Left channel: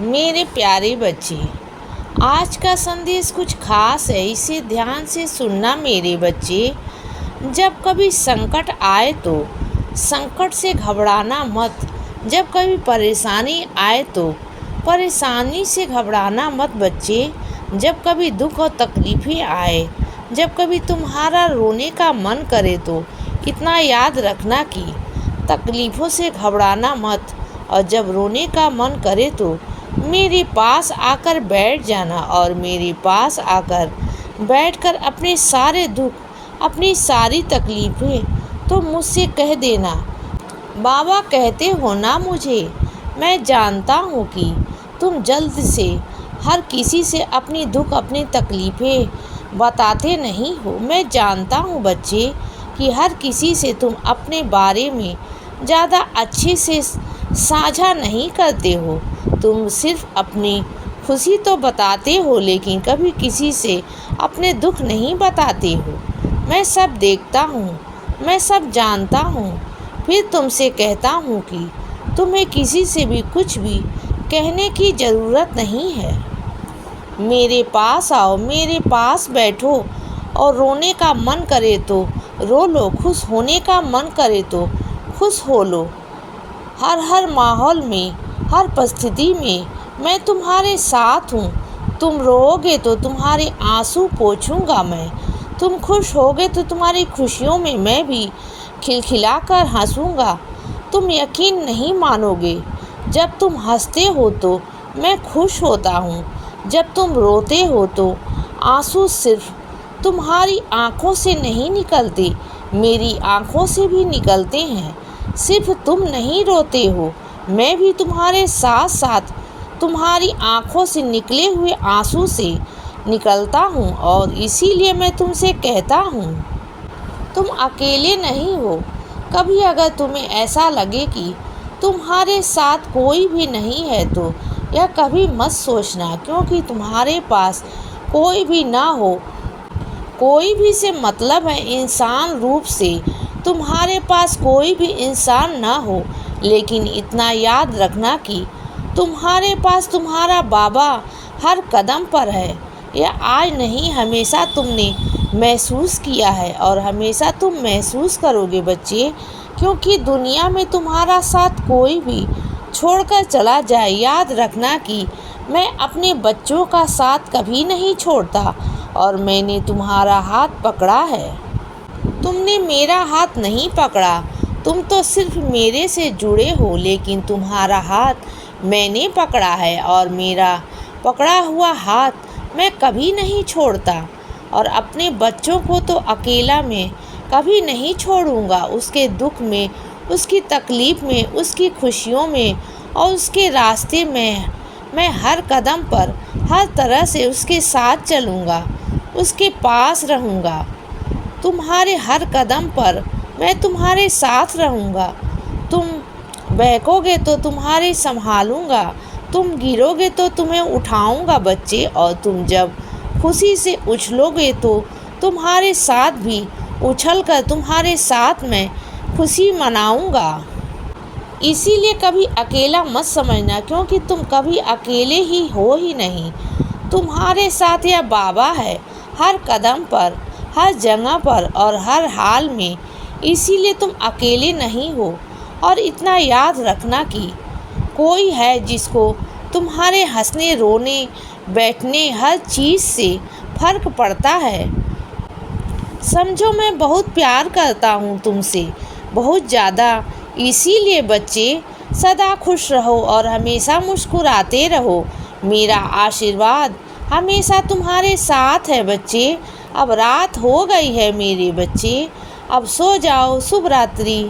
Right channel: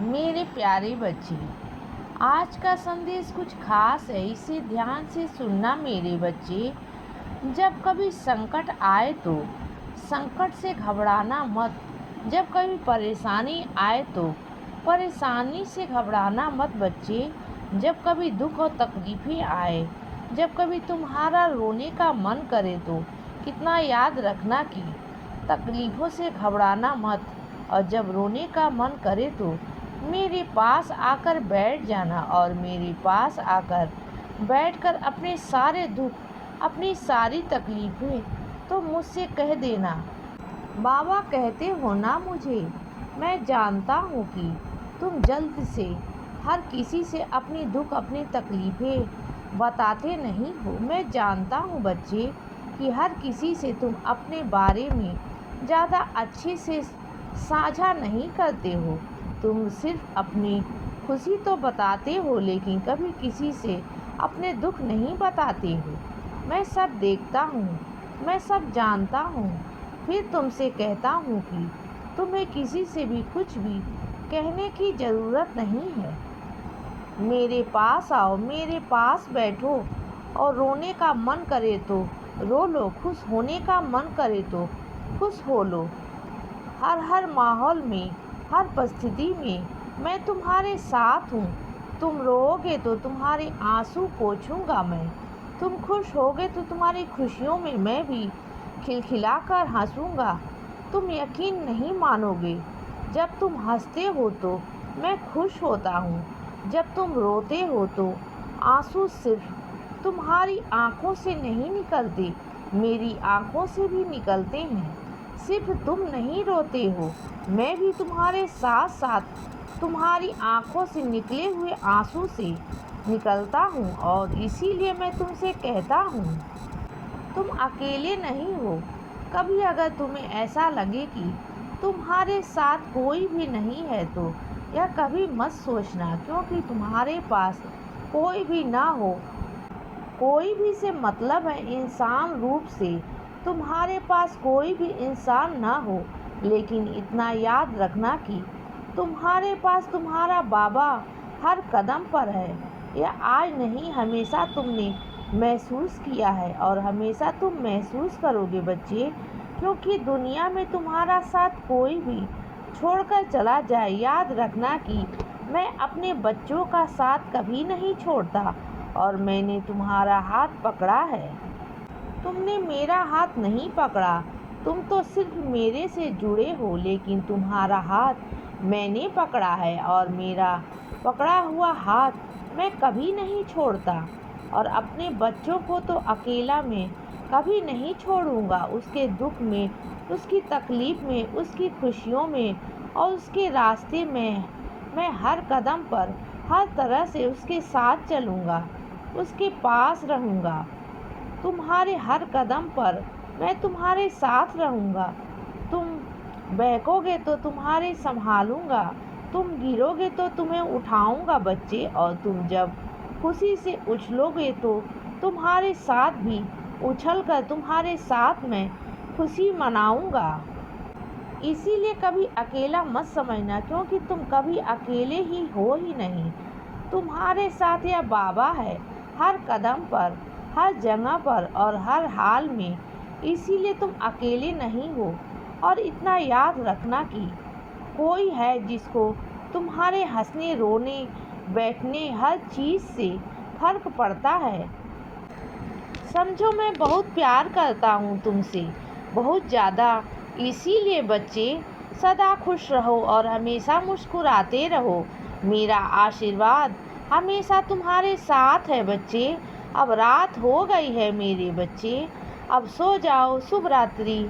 मेरे प्यारे बच्चे, आज का संदेश कुछ खास है, इसे ध्यान से सुनना मेरे बच्चे। जब कभी संकट आए तो संकट से घबराना मत। जब कभी परेशानी आए तो परेशानी से घबराना मत बच्चे। जब कभी दुख और तकलीफ़ें आए, जब कभी तुम्हारा रोने का मन करे तो इतना याद रखना कि तकलीफ़ों से घबराना मत। और जब रोने का मन करे तो मेरे पास आकर बैठ जाना और मेरे पास आकर बैठकर अपने सारे दुख, अपनी सारी तकलीफ़ें तो मुझसे कह देना। बाबा कहते हो ना मुझे, मैं जानता हूँ कि तुम जल्द से हर किसी से अपनी दुख, अपनी तकलीफ़ें बताते नहीं हो। मैं जानता हूँ बच्चे कि हर किसी से तुम अपने बारे में ज़्यादा अच्छे से साझा नहीं करते हो। तुम सिर्फ अपनी खुशी तो बताते हो, लेकिन कभी किसी से अपने दुख नहीं बताते हो। मैं सब देखता हूँ, मैं सब जानता हूँ, फिर तुमसे कहता हूँ कि तुम्हें किसी से भी कुछ भी कहने की ज़रूरत नहीं है। मेरे पास आओ, मेरे पास बैठो और रोने का मन करे तो रो लो, खुश होने का मन करे तो खुश हो लो। हर माहौल में, हर परिस्थिति में मैं तुम्हारे साथ हूँ। तुम रोओगे तो तुम्हारे आंसू पोंछूंगा मैं। तुम खुश होगे तो तुम्हारी खुशियों में मैं भी खिलखिलाकर हंसूंगा। तुम यकीन नहीं मानोगे, जब तुम हंसते हो तो मैं खुश होता हूँ। जब तुम रोते हो तो आंसू सिर्फ तुम्हारी आँखों से नहीं निकलते, मेरी आँखों से भी निकलते हैं। सिर्फ तुम नहीं रोते हो, मैं भी तुम्हारे साथ साथ तुम्हारी आँखों से निकले हुए आंसू से निकलता हूँ। और इसीलिए मैं तुमसे कहता हूँ, तुम अकेले नहीं हो। कभी अगर तुम्हें ऐसा लगे कि तुम्हारे साथ कोई भी नहीं है तो यह कभी मत सोचना, क्योंकि तुम्हारे पास कोई भी ना हो, कोई भी से मतलब है इंसान रूप से तुम्हारे पास कोई भी इंसान ना हो, लेकिन इतना याद रखना कि तुम्हारे पास तुम्हारा बाबा हर कदम पर है। यह आज नहीं, हमेशा तुमने महसूस किया है और हमेशा तुम महसूस करोगे बच्चे, क्योंकि दुनिया में तुम्हारा साथ कोई भी छोड़कर चला जाए, याद रखना कि मैं अपने बच्चों का साथ कभी नहीं छोड़ता और मैंने तुम्हारा हाथ पकड़ा है। तुमने मेरा हाथ नहीं पकड़ा, तुम तो सिर्फ मेरे से जुड़े हो, लेकिन तुम्हारा हाथ मैंने पकड़ा है और मेरा पकड़ा हुआ हाथ मैं कभी नहीं छोड़ता। और अपने बच्चों को तो अकेला मैं कभी नहीं छोड़ूंगा। उसके दुख में, उसकी तकलीफ़ में, उसकी खुशियों में और उसके रास्ते में मैं हर कदम पर हर तरह से उसके साथ चलूँगा, उसके पास रहूँगा। तुम्हारे हर कदम पर मैं तुम्हारे साथ रहूँगा। तुम बहकोगे तो तुम्हारे संभालूँगा, तुम गिरोगे तो तुम्हें उठाऊँगा बच्चे। और तुम जब खुशी से उछलोगे तो तुम्हारे साथ भी उछलकर तुम्हारे साथ मैं खुशी मनाऊँगा। इसीलिए कभी अकेला मत समझना, क्योंकि तुम कभी अकेले ही हो ही नहीं। तुम्हारे साथ यह बाबा है हर कदम पर, हर जगह पर और हर हाल में। इसीलिए तुम अकेले नहीं हो। और इतना याद रखना कि कोई है जिसको तुम्हारे हंसने, रोने, बैठने हर चीज़ से फ़र्क पड़ता है। समझो, मैं बहुत प्यार करता हूँ तुमसे, बहुत ज़्यादा। इसीलिए बच्चे सदा खुश रहो और हमेशा मुस्कुराते रहो। मेरा आशीर्वाद हमेशा तुम्हारे साथ है बच्चे। अब रात हो गई है मेरे बच्चे, अब सो जाओ। शुभ रात्रि।